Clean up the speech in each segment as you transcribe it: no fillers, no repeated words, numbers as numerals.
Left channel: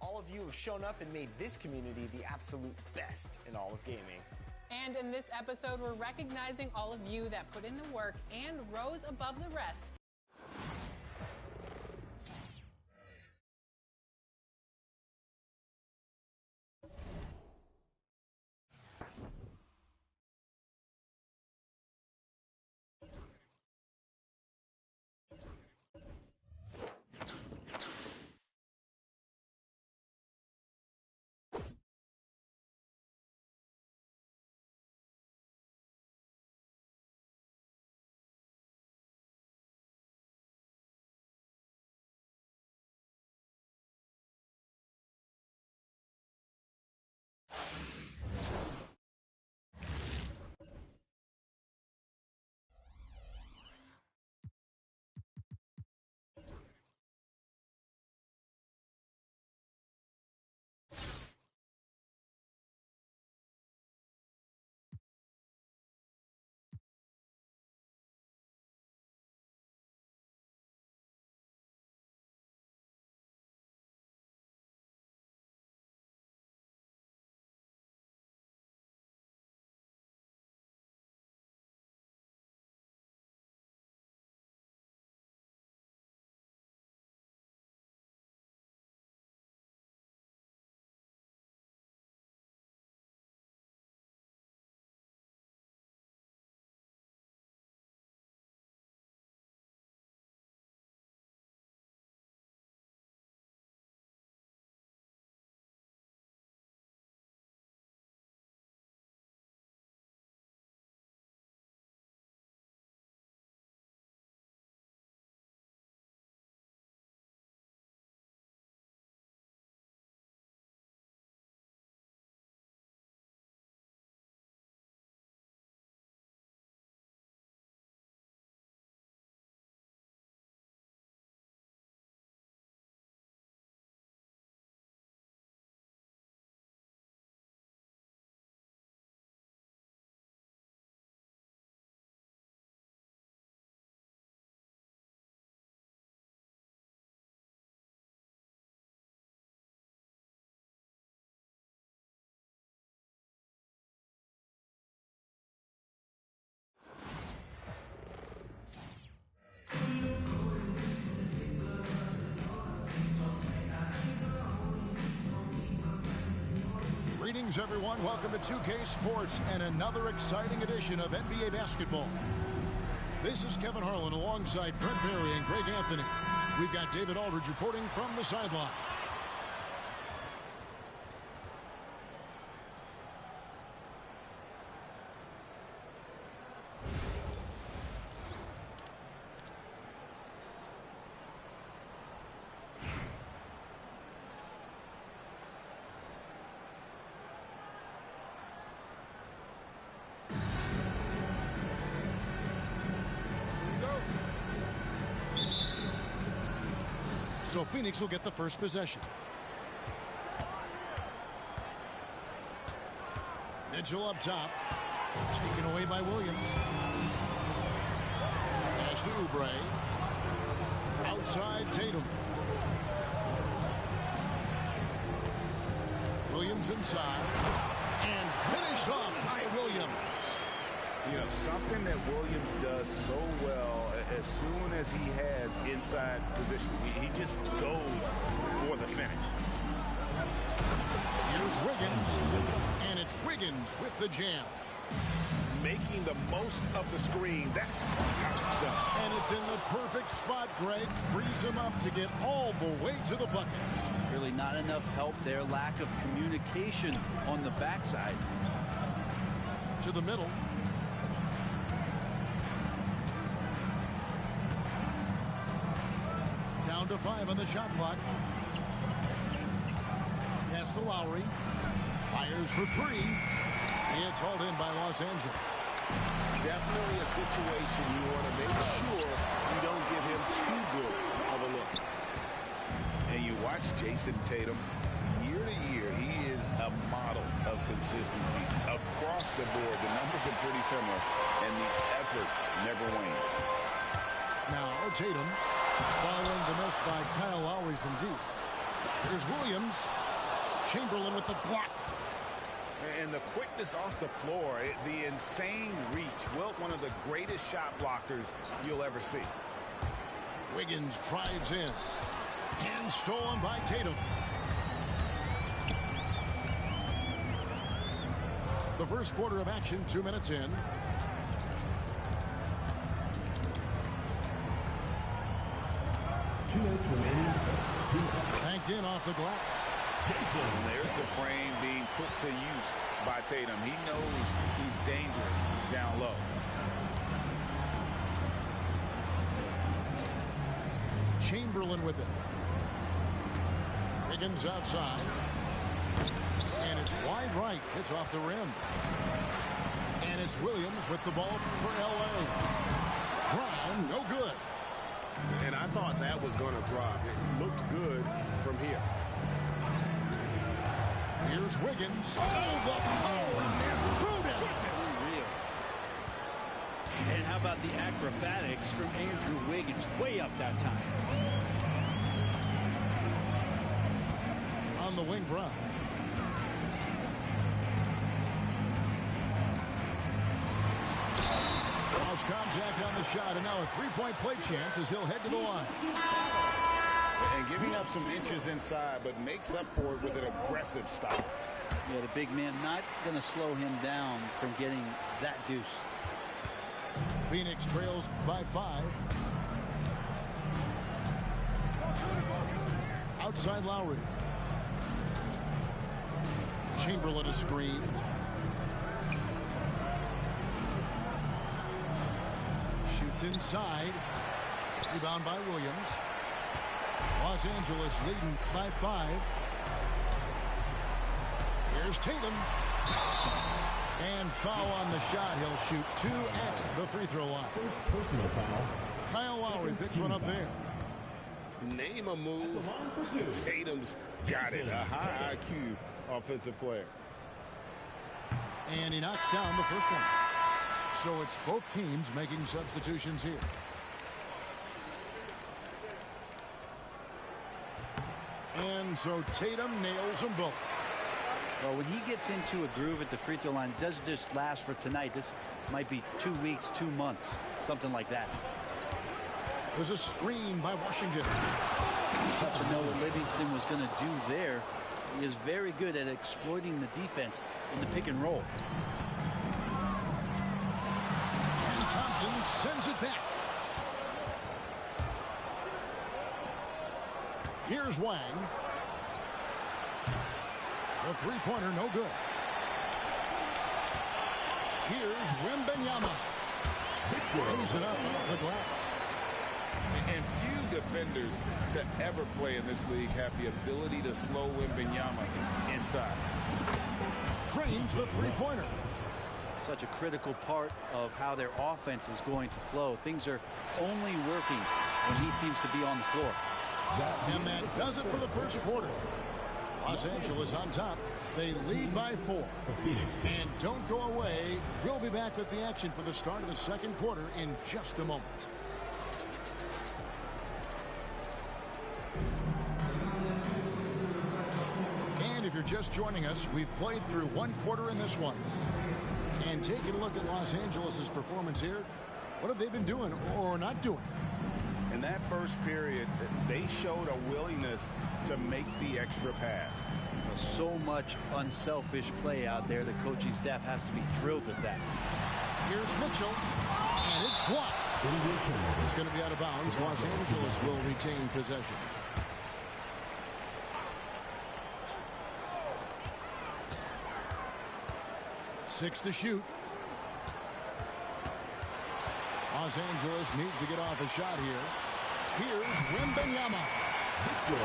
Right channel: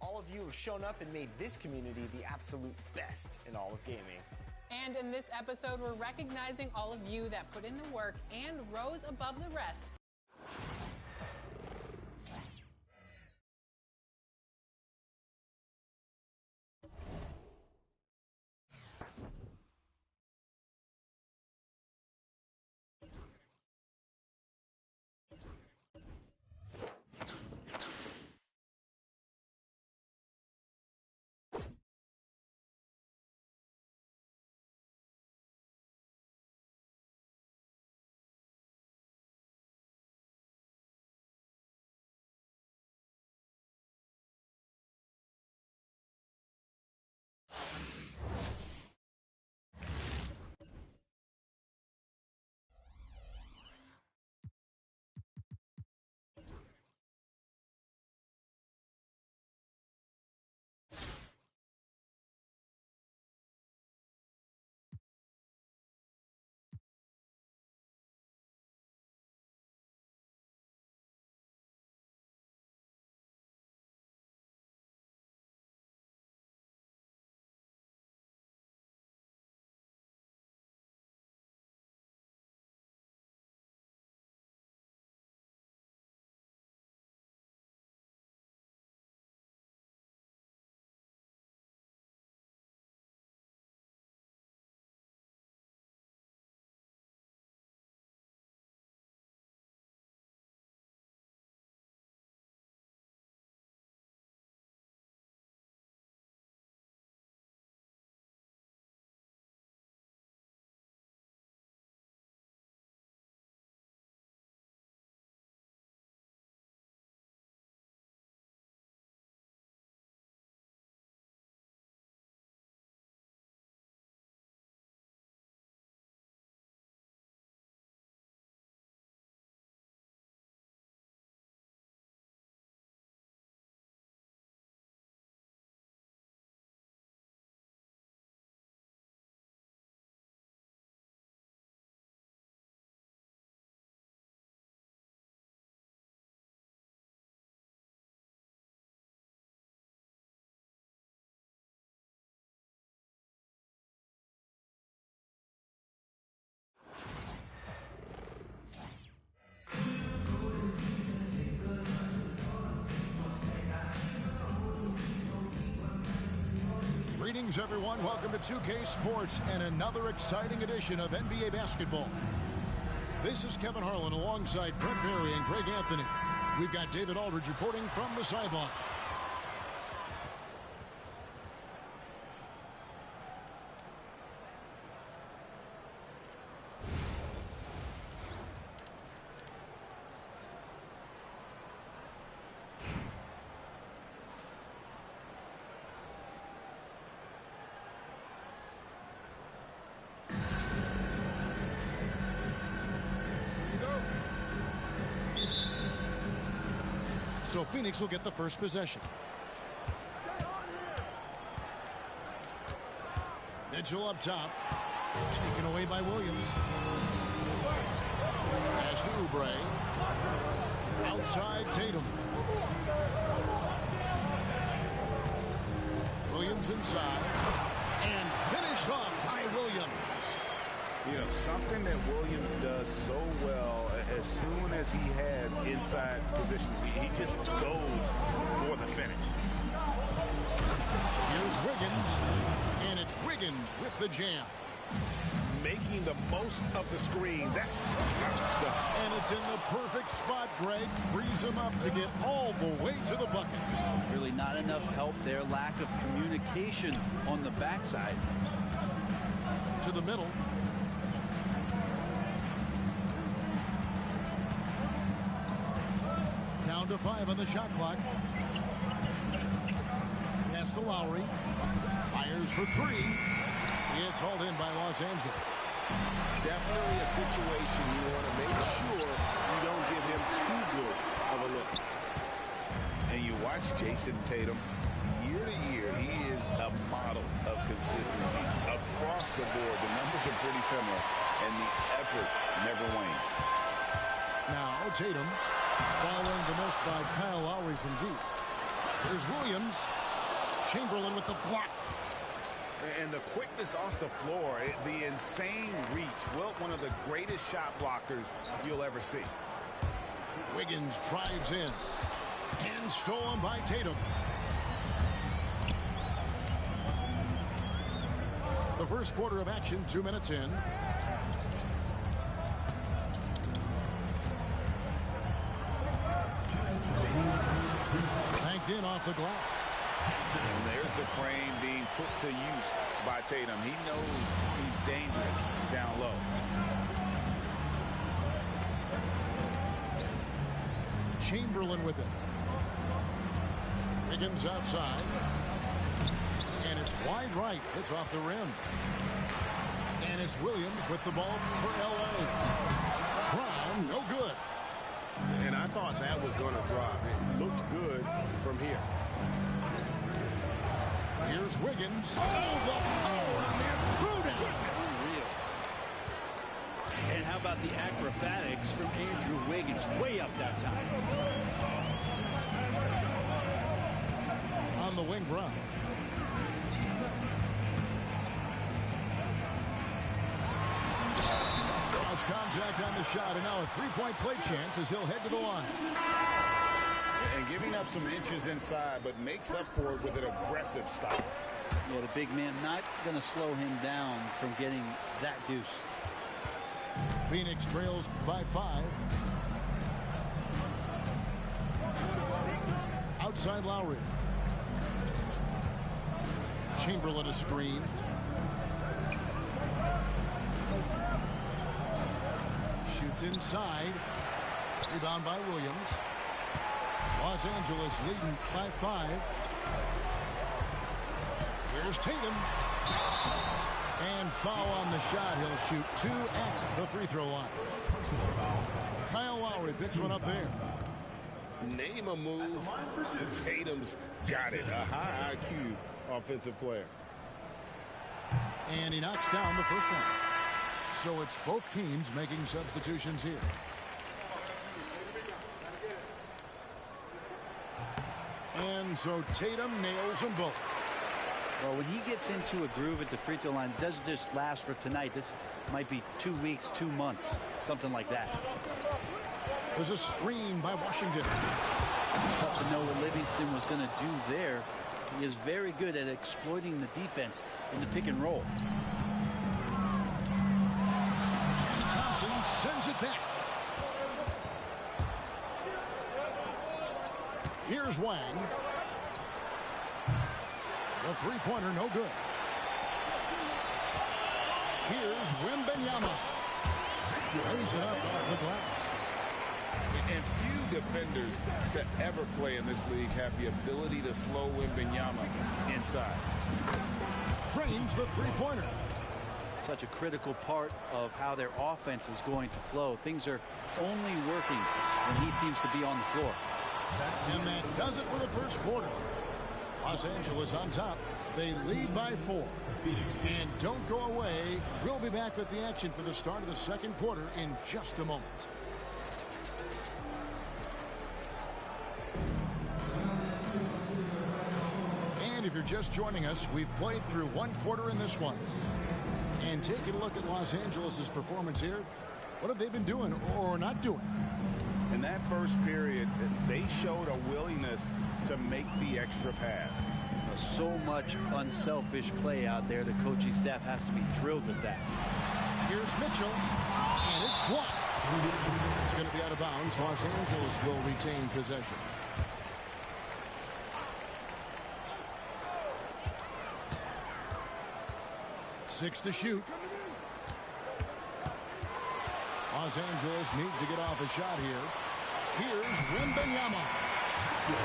All of you have shown up and made this community the absolute best in all of gaming. And in this episode, we're recognizing all of you that put in the work and rose above the rest. Greetings, everyone. Welcome to 2K Sports and another exciting edition of NBA basketball. This is Kevin Harlan alongside Brent Barry and Greg Anthony. We've got David Aldridge reporting from the sideline. So Phoenix will get the first possession. Mitchell up top. Taken away by Williams. Pass to Oubre. Outside Tatum. Williams inside. And finished off by Williams. You know, something that Williams does so well as soon as he has inside position, he just goes for the finish. Here's Wiggins, and it's Wiggins with the jam. Making the most of the screen, that's stuff. And it's in the perfect spot, Greg. Frees him up to get all the way to the bucket. Really not enough help there, lack of communication on the backside. To the middle. Down to 5 on the shot clock. Pass to Lowry. Fires for 3. It's hauled in by Los Angeles. Definitely a situation you want to make sure you don't give him too good of a look. And you watch Jason Tatum, year to year, he is a model of consistency. Across the board, the numbers are pretty similar, and the effort never wanes. Now Tatum, following the miss by Kyle Lowry from deep. Here's Williams. Chamberlain with the block. And the quickness off the floor, the insane reach. Wilt, one of the greatest shot blockers you'll ever see. Wiggins drives in. And stolen by Tatum. The first quarter of action, 2 minutes in. Banked in off the glass. And there's the frame being put to use by Tatum. He knows he's dangerous down low. Chamberlain with it. Wiggins outside. And it's wide right. It's off the rim. And it's Williams with the ball for L.A. Brown, no good. And I thought that was going to drop. It looked good from here. Here's Wiggins. Oh, the power on that. Threw down. Unreal. And how about the acrobatics from Andrew Wiggins? Way up that time. On the wing, Brown. Cross contact on the shot, and now a three-point play chance as he'll head to the line. And giving up some inches inside, but makes up for it with an aggressive stop. Yeah, the big man not going to slow him down from getting that deuce. Phoenix trails by 5. Outside Lowry. Chamberlain a screen. Shoots inside. Rebound by Williams. Los Angeles leading by 5. Here's Tatum. And foul on the shot. He'll shoot 2 at the free throw line. Personal foul. Kyle Lowry picks one up there. Name a move. Tatum's got it. A high IQ offensive player. And he knocks down the first one. So it's both teams making substitutions here. And so Tatum nails them both. Well, when he gets into a groove at the free throw line, it doesn't just last for tonight. This might be 2 weeks, 2 months, something like that. There's a screen by Washington. Tough to know what Livingston was going to do there. He is very good at exploiting the defense in the pick and roll. And Thompson sends it back. Here's Wang. The three-pointer, no good. Here's Wembanyama. Lays it up off the glass. And few defenders to ever play in this league have the ability to slow Wembanyama inside. Drains the three-pointer. Such a critical part of how their offense is going to flow. Things are only working when he seems to be on the floor. And that does it for the first quarter. Los Angeles on top. They lead by 4. And don't go away. We'll be back with the action for the start of the second quarter in just a moment. And if you're just joining us, we've played through 1 quarter in this one. And taking a look at Los Angeles' performance here, what have they been doing or not doing? In that first period, they showed a willingness to make the extra pass. So much unselfish play out there. The coaching staff has to be thrilled with that. Here's Mitchell, and it's blocked. It's going to be out of bounds. Los Angeles will retain possession. Six to shoot. Los Angeles needs to get off a shot here. Here's Wembanyama.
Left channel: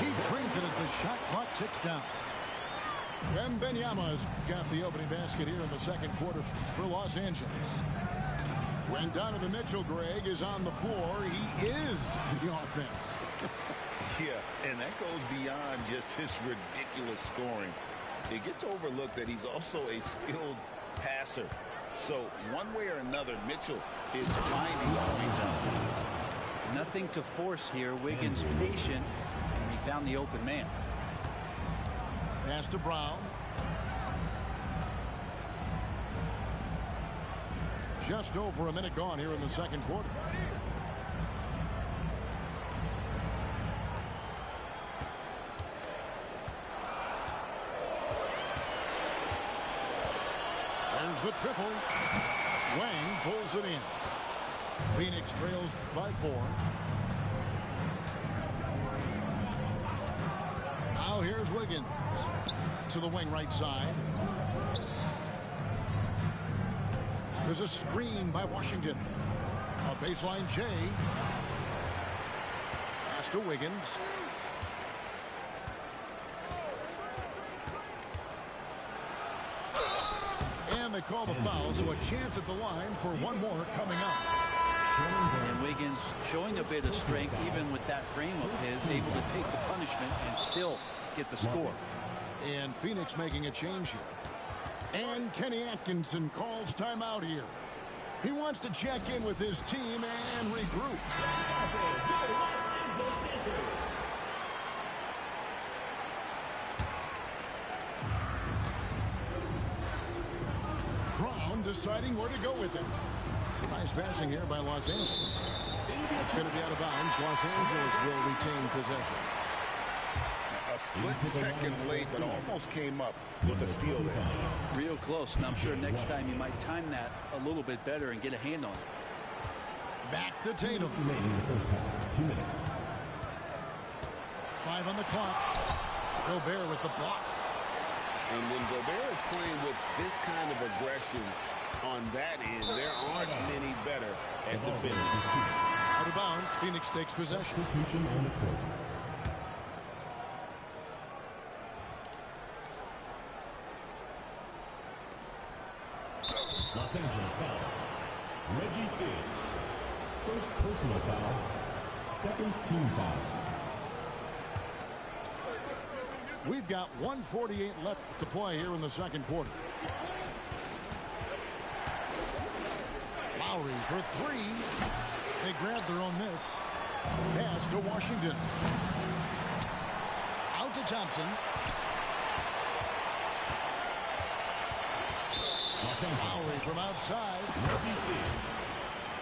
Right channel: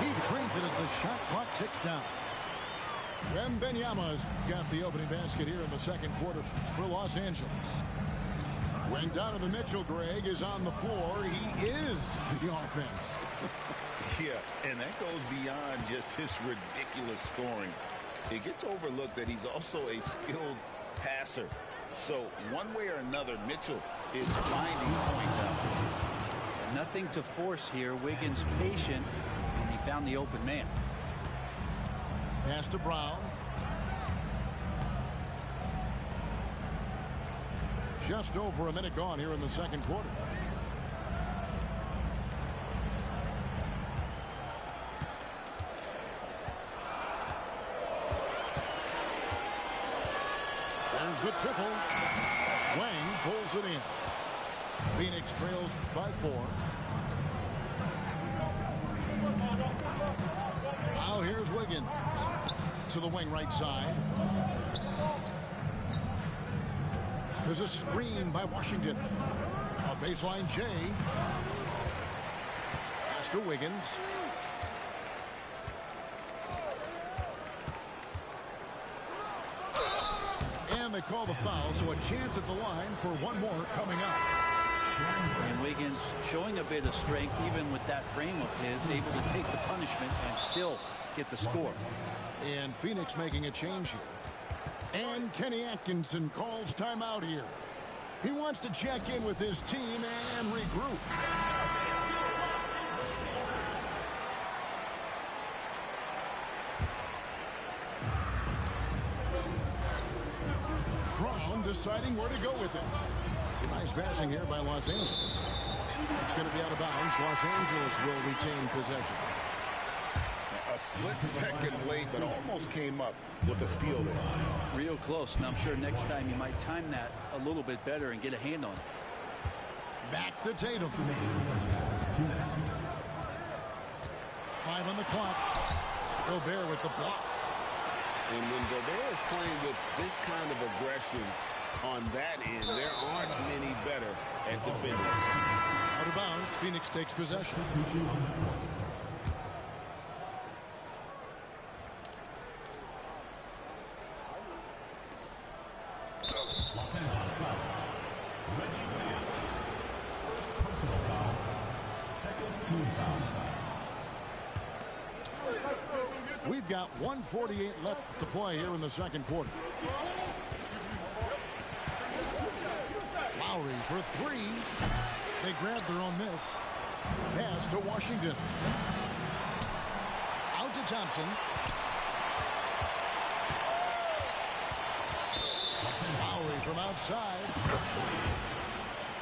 He trains it as the shot clock ticks down. Wembanyama's got the opening basket here in the second quarter for Los Angeles. When Donovan Mitchell, Greg, is on the floor, he is the offense. Yeah, and that goes beyond just his ridiculous scoring. It gets overlooked that he's also a skilled passer. So one way or another, Mitchell is finding points out there. Nothing to force here. Wiggins patient, and he found the open man. pass to Brown. Just over a minute gone here in the second quarter. There's the triple. Wang pulls it in. Phoenix trails by 4. Now here's Wiggins to the wing right side. There's a screen by Washington. A baseline J. Pass to Wiggins. And they call the foul, so a chance at the line for one more coming up. And Wiggins showing a bit of strength, even with that frame of his, able to take the punishment and still get the score. And Phoenix making a change here. And Kenny Atkinson calls timeout here. He wants to check in with his team and regroup. Brown deciding where to go with it. Nice passing here by Los Angeles. It's going to be out of bounds. Los Angeles will retain possession. A split second late, but almost came up with a steal there. Real close, and I'm sure next time you might time that a little bit better and get a hand on it. Back to Tatum. 2 minutes. 5 on the clock. Gobert with the block. And when Gobert is playing with this kind of aggression on that end, there aren't many better at defending. Out of bounds, Phoenix takes possession. Substitution on the court. Los Angeles foul. Reggie Fils. First personal foul. Second team foul. We've got 1:48 left to play here in the second quarter. Lowry for 3. They grab their own miss. Pass to Washington. Out to Thompson. Lowry from outside.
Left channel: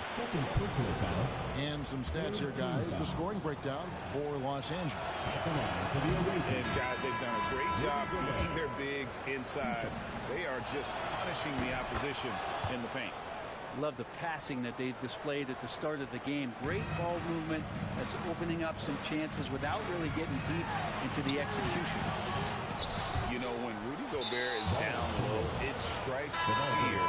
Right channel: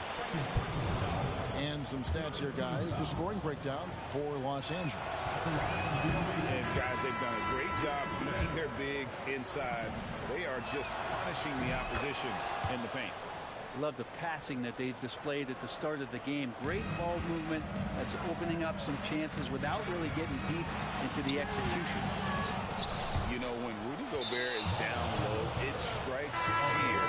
Second personal foul. And some stats here, guys. The scoring breakdown for Los Angeles. And guys, they've done a great job keeping their bigs inside. They are just punishing the opposition in the paint. Love the passing that they displayed at the start of the game. Great ball movement that's opening up some chances without really getting deep into the execution. You know, when Rudy Gobert is down low, it strikes fear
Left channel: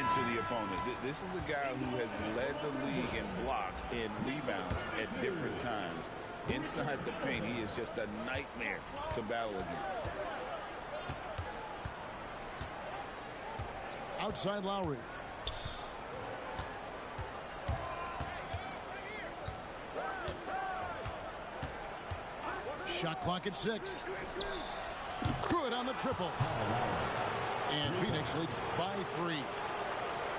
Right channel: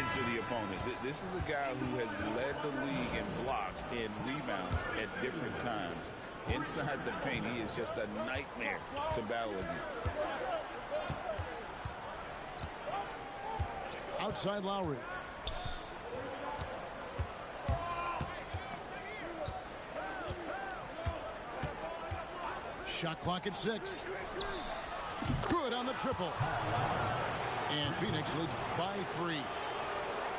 into the opponent. This is a guy who has led the league in blocks and rebounds at different times. Inside the paint, he is just a nightmare to battle against. Outside Lowry. Shot clock at 6. Good on the triple. And Phoenix leads by 3.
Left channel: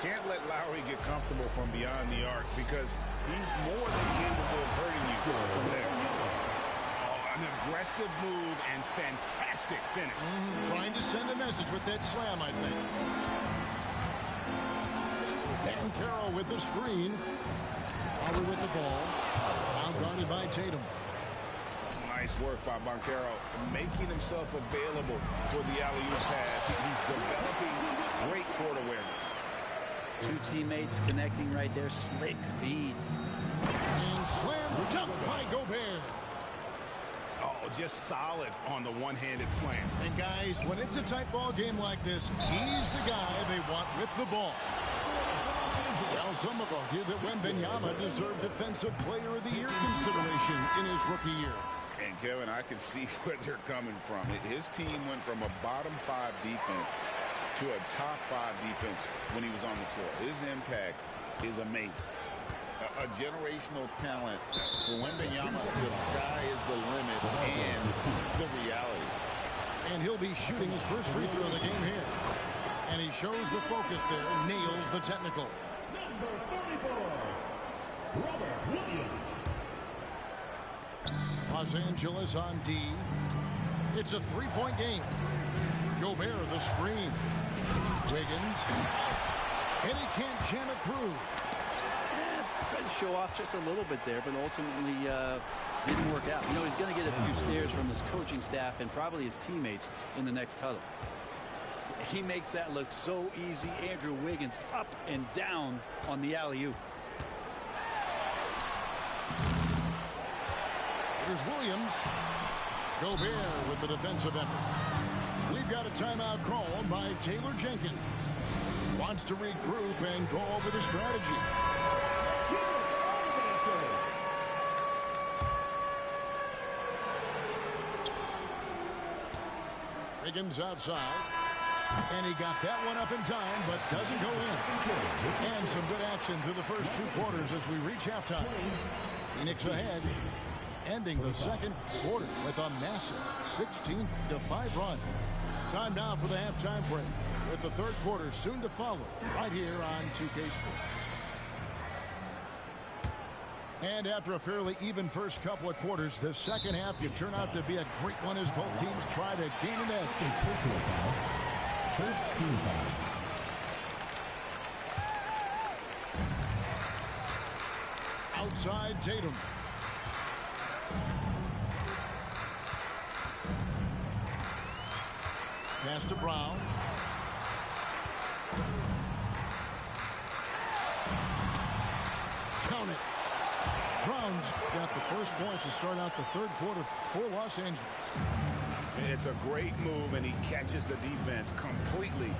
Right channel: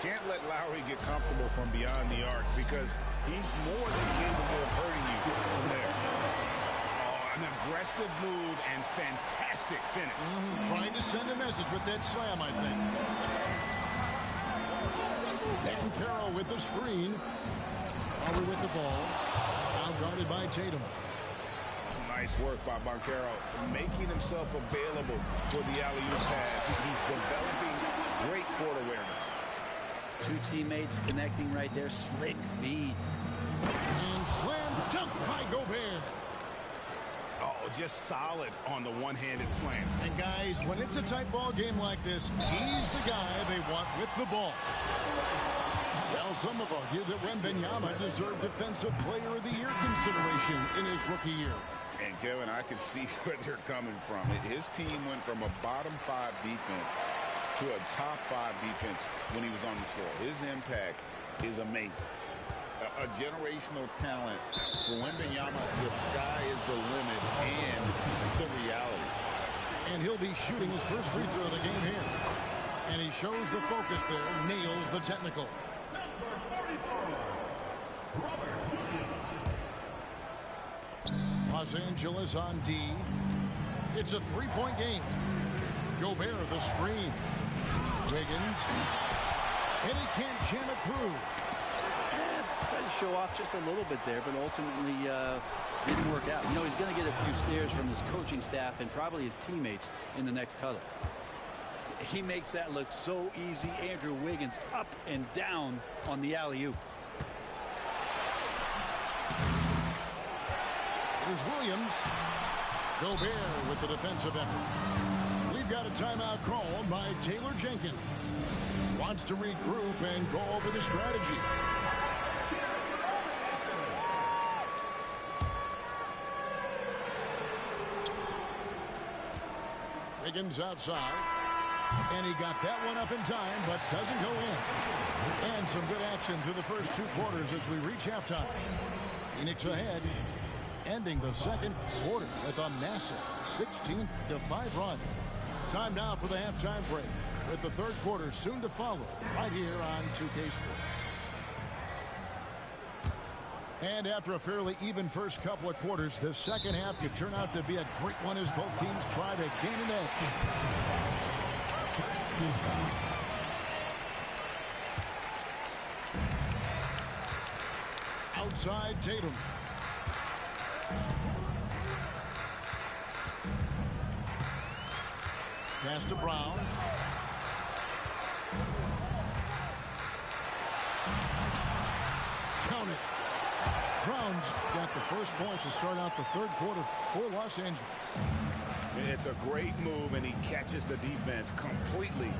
Can't let Lowry get comfortable from beyond the arc because he's more than capable of hurting you from there. Oh, an aggressive move and fantastic finish. Trying to send a message with that slam, I think. Banchero with the screen. Lowry with the ball. Now guarded by Tatum. Nice work by Banchero, making himself available for the alley-oop pass. He's developing great court awareness. Two teammates connecting right there. Slick feed. And slam dunk by Gobert. Oh, just solid on the one-handed slam. And guys, when it's a tight ball game like this, he's the guy they want with the ball. Well, some have argued that Wembanyama deserved Defensive Player of the Year consideration in his rookie year. And Kevin, I can see where they're coming from. His team went from a bottom 5 defense to a top 5 defense when he was on the floor. His impact is amazing. A generational talent for Wembanyama. The sky is the limit and the reality. And he'll be shooting his first free throw of the game here. And he shows the focus there, nails the technical. Number 44, Robert Williams. Los Angeles on D. It's a three-point game. Gobert, the screen. Wiggins. And he can't jam it through. Tried to show off just a little bit there, but ultimately didn't work out. You know, he's going to get a few stares from his coaching staff and probably his teammates in the next huddle. He makes that look so easy. Andrew Wiggins up and down on the alley-oop. Here's Williams. Gobert with the defensive effort. We've got a timeout called by Taylor Jenkins. Wants to regroup and go over the strategy. Wiggins outside. And he got that one up in time, but doesn't go in. And some good action through the first two quarters as we reach halftime. Phoenix ahead, ending the second quarter with a massive 16-5 run. Time now for the halftime break, with the third quarter soon to follow, right here on 2K Sports. And after a fairly even first couple of quarters, the second half could turn out to be a great one as both teams try to gain an edge. First team foul. Outside Tatum. Pass to Brown. Count it. Brown's got the first points to start out the third quarter for Los Angeles. It's a great move, and he catches the defense completely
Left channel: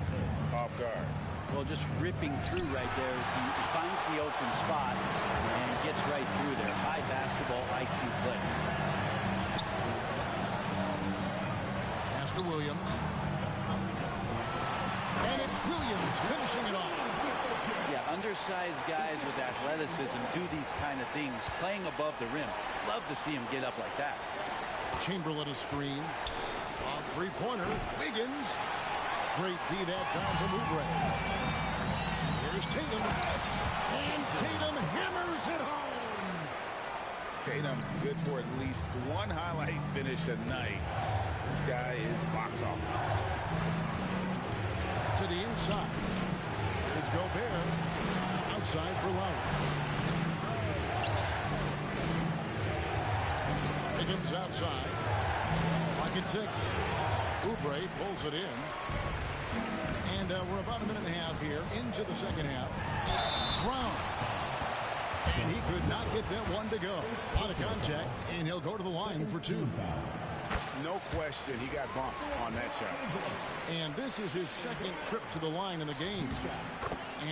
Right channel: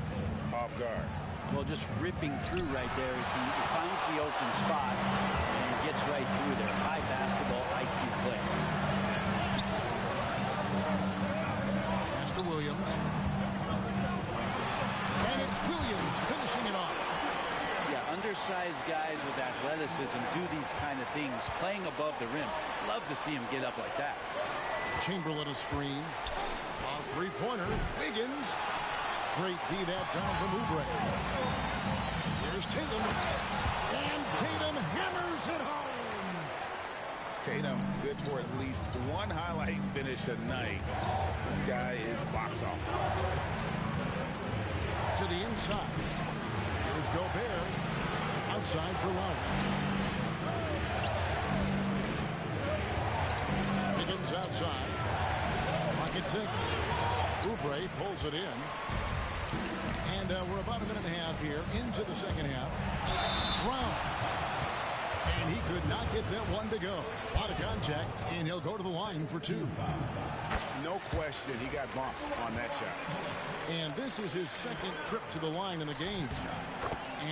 off guard. Well, just ripping through right there as he finds the open spot and gets right through there. High basketball IQ play. Pass to Williams. And it's Williams finishing it off. Yeah, undersized guys with athleticism do these kind of things, playing above the rim. Love to see him get up like that. Chamberlain a screen. A three-pointer. Wiggins. Great D that time from Oubre. Here's Tatum. And Tatum hammers it home. Tatum, good for at least one highlight finish a night. This guy is box office. To the inside. Here's Gobert. Outside for Lowry. Wiggins outside. Pocket six. Oubre pulls it in. And we're about a minute and a half here into the second half. Brown. And he could not get that one to go. A lot of contact, and he'll go to the line for two. No question, he got bumped on that shot. And this is his second trip to the line in the game.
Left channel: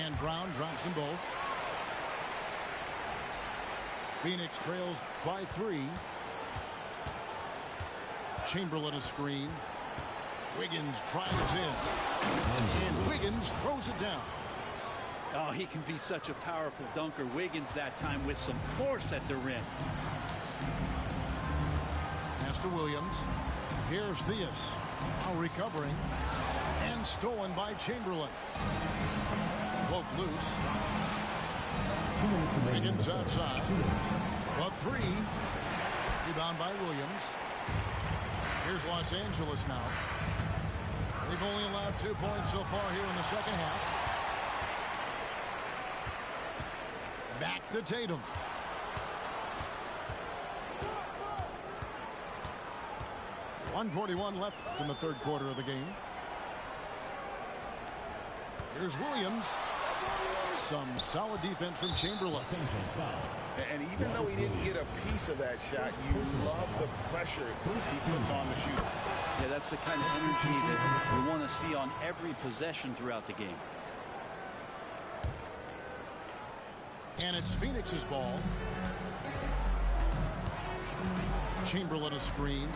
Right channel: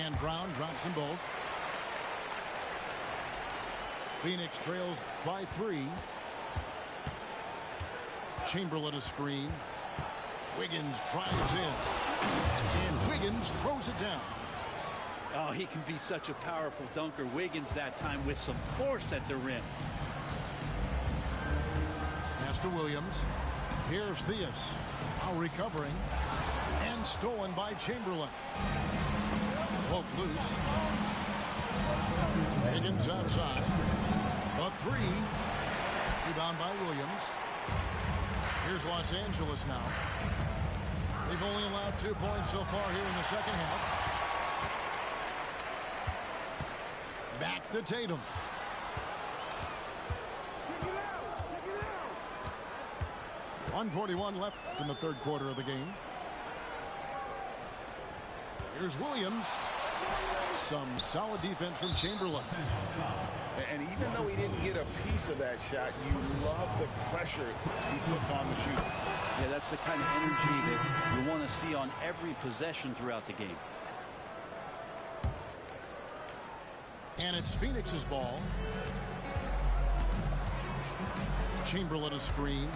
And Brown drops them both. Phoenix trails by 3. Chamberlain a screen. Wiggins drives in. And Wiggins throws it down. Oh, he can be such a powerful dunker. Wiggins that time with some force at the rim. Pass to Williams. Here's Theus. Now recovering. And stolen by Chamberlain. Cloak loose. Wiggins outside. A 3. Rebound by Williams. Here's Los Angeles now. They've only allowed 2 points so far here in the second half. Back to Tatum. .141 left in the third quarter of the game. Here's Williams. Some solid defense from Chamberlain. And even though he didn't get a piece of that shot, you love the pressure he puts on the shooter. Yeah, that's the kind of energy that you want to see on every possession throughout the game. And it's Phoenix's ball. Chamberlain a screen.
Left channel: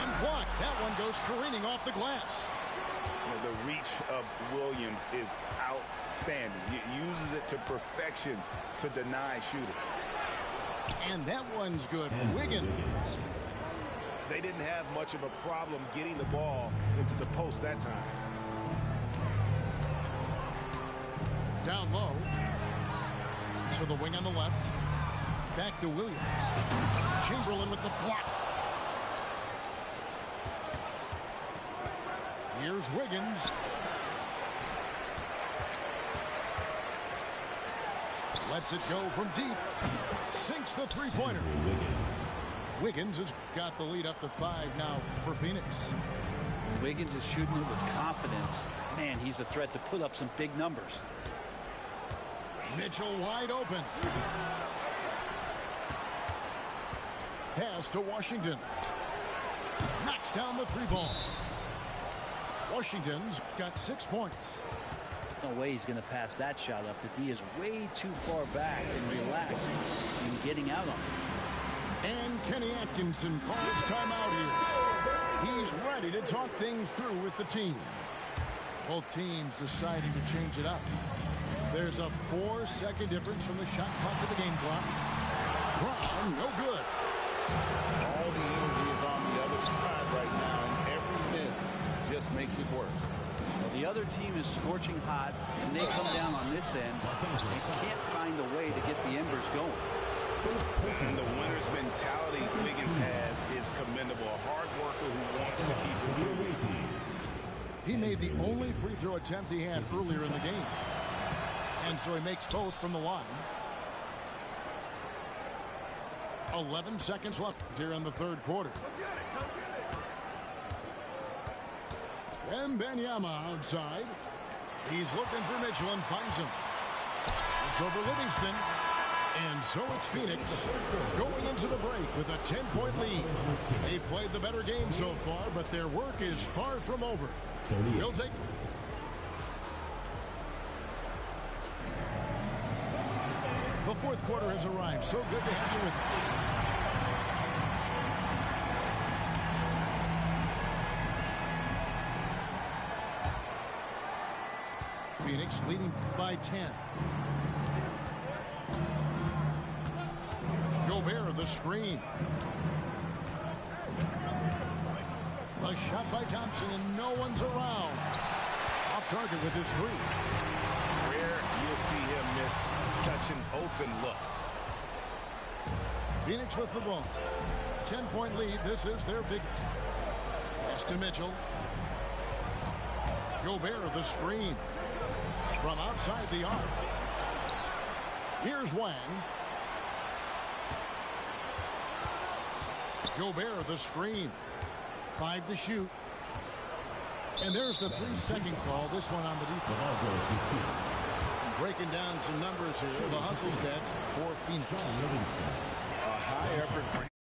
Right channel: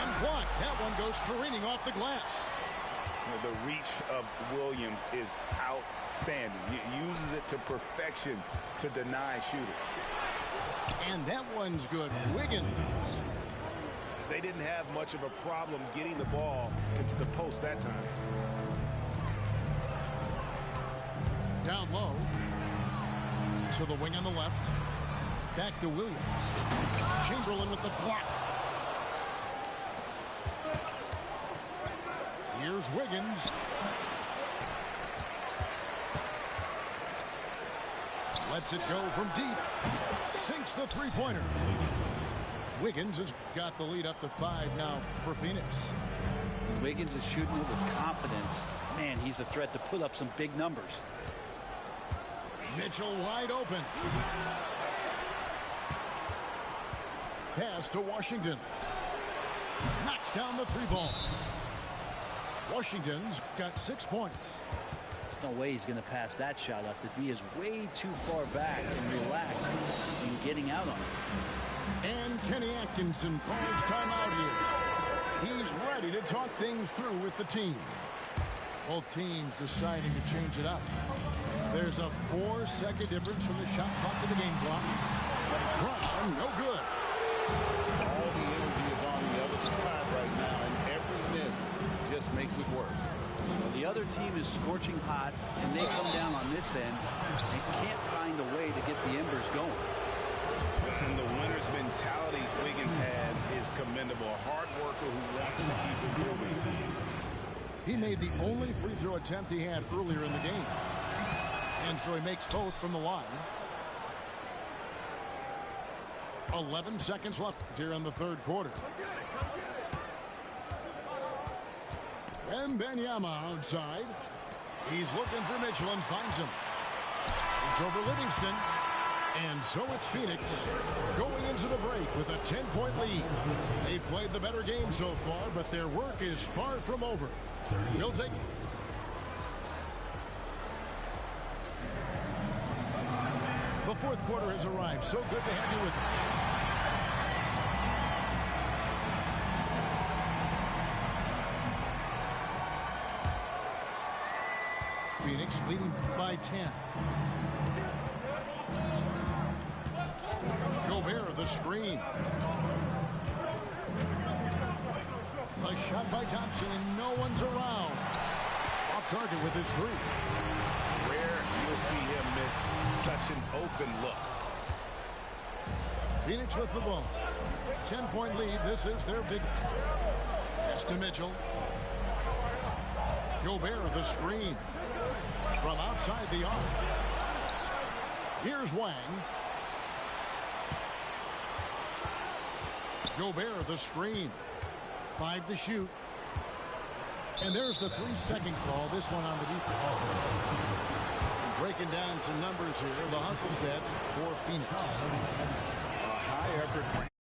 And blocked. That one goes careening off the glass. The reach of Williams is outstanding. He uses it to perfection to deny shooters. And that one's good. Wiggins. They didn't have much of a problem getting the ball into the post that time. Down low. To the wing on the left. Back to Williams. Chamberlain with the block. Here's Wiggins. Lets it go from deep. Sinks the three-pointer. Wiggins has got the lead up to 5 now for Phoenix. When Wiggins is shooting it with confidence, man, he's a threat to put up some big numbers. Mitchell wide open. Pass to Washington. Knocks down the three ball. Washington's got 6 points. No way he's going to pass that shot up. The D is way too far back and relaxed in getting out on it. And Kenny Atkinson calls timeout here. He's ready to talk things through with the team. Both teams deciding to change it up. There's a 4-second difference from the shot clock to the game clock. Brown, no good. All the energy is on the other side right now, and every miss just makes it worse. Well, the other team is scorching hot, and they come down on this end and can't find a way to get the embers going. And the winner's mentality Wiggins has is commendable. A hard worker who wants to keep improving. He made the only free throw attempt he had earlier in the game. And so he makes both from the line. 11 seconds left here in the third quarter. Wembanyama outside. He's looking for Mitchell and finds him. It's over Livingston. And so it's Phoenix going into the break with a 10-point lead. They've played the better game so far, but their work is far from over. We'll take... The fourth quarter has arrived. So good to have you with us. Phoenix leading by 10. Gobert, the screen. The shot by Thompson, and no one's around. Off target with his three. Rare you'll see him miss such an open look. Phoenix with the ball. 10-point lead. This is their biggest. Pass to Mitchell. Gobert, the screen. From outside the arc. Here's Wang. Gobert, the screen. 5 to shoot. And there's the 3-second call. This one on the defense. And breaking down some numbers here. The hustle stats for Phoenix. A high effort.